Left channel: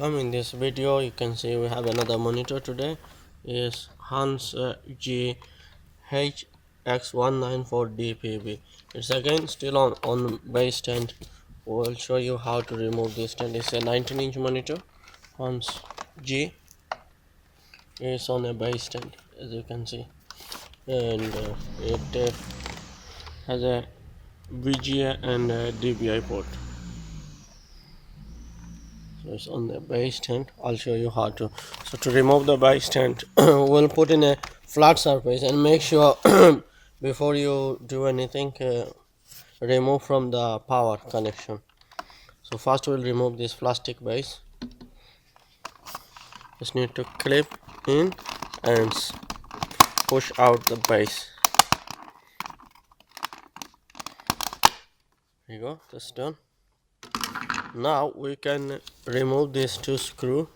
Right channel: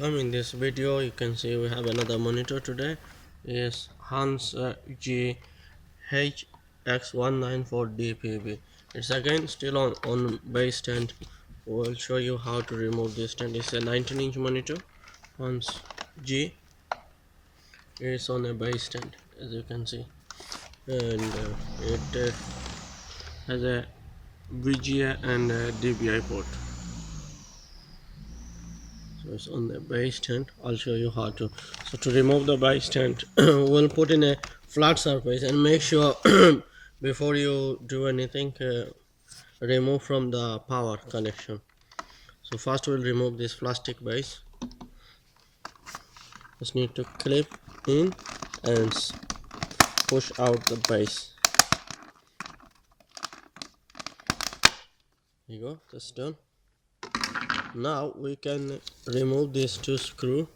welcome. In this video you can see we have another monitor. Today is Hanns.G HX194DPB. It's again still on base stand. We'll show you how to remove this stand. It's a 19-inch monitor. Hanns.G is on a base stand, as you can see, and it has a VGA and a DBI port. So it's on the base stand. I'll show you how to. So to remove the base stand, we'll put in a flat surface and make sure before you do anything, remove from the power connection. So first we'll remove this plastic base. Just need to clip in and push out the base. Here you go, that's done. Now we can remove these two screws.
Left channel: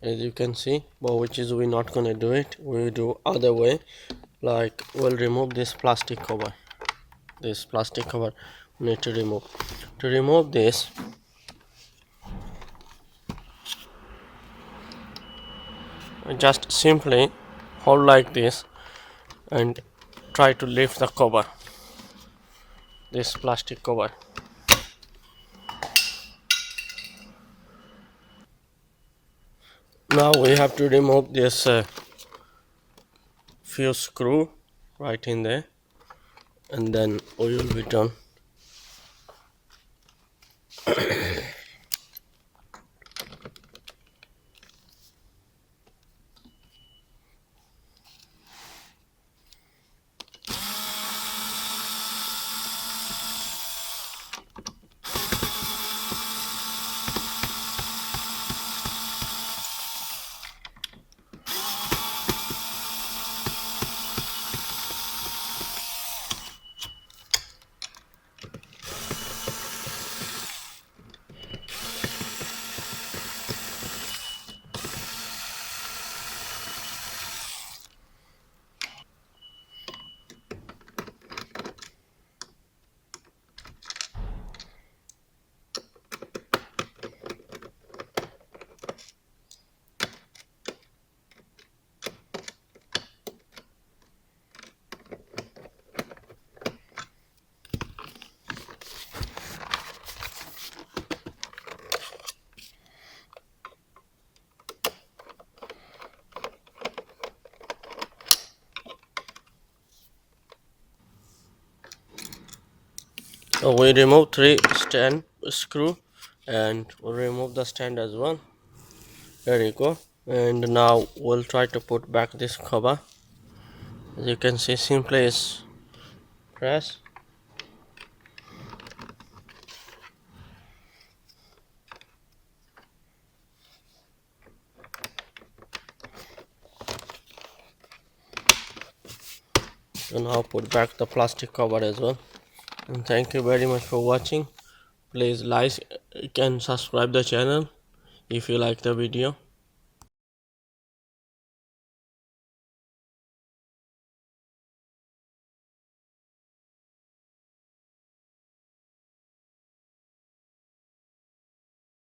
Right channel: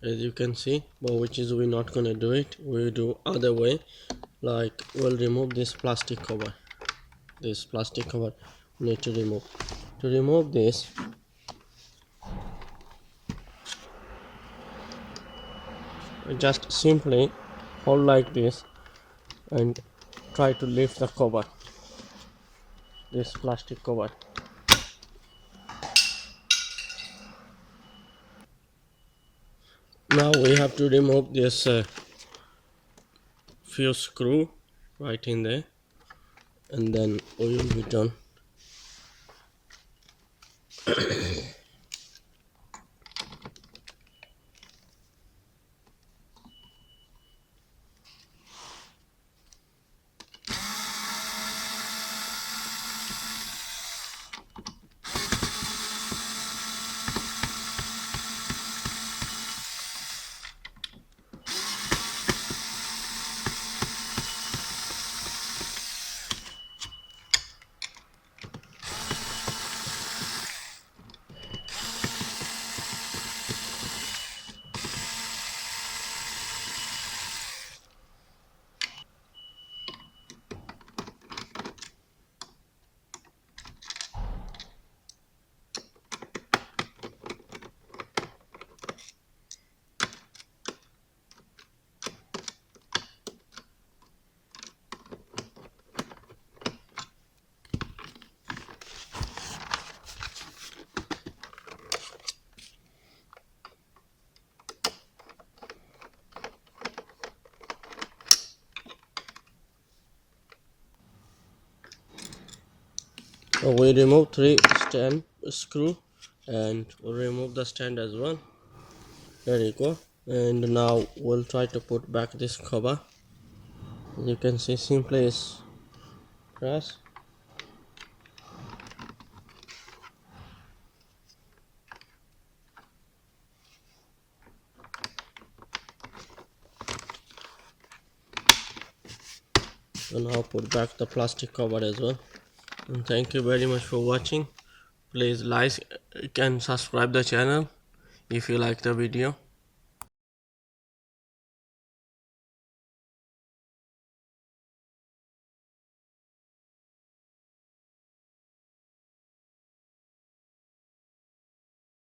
As you can see, but which is we're not gonna do it. We do other way. Like we'll remove this plastic cover. This plastic cover we need to remove. To remove this, just simply hold like this and try to lift the cover. This plastic cover. Now we have to remove this few screw right in there, and then we will be done. So we remove 3 stand screw, and we'll remove the stand as well. There you go. And now we'll try to put back this cover. As you can see, simply is press. So now put back the plastic cover as well. And thank you very much for watching. Please like and subscribe the channel if you like the video.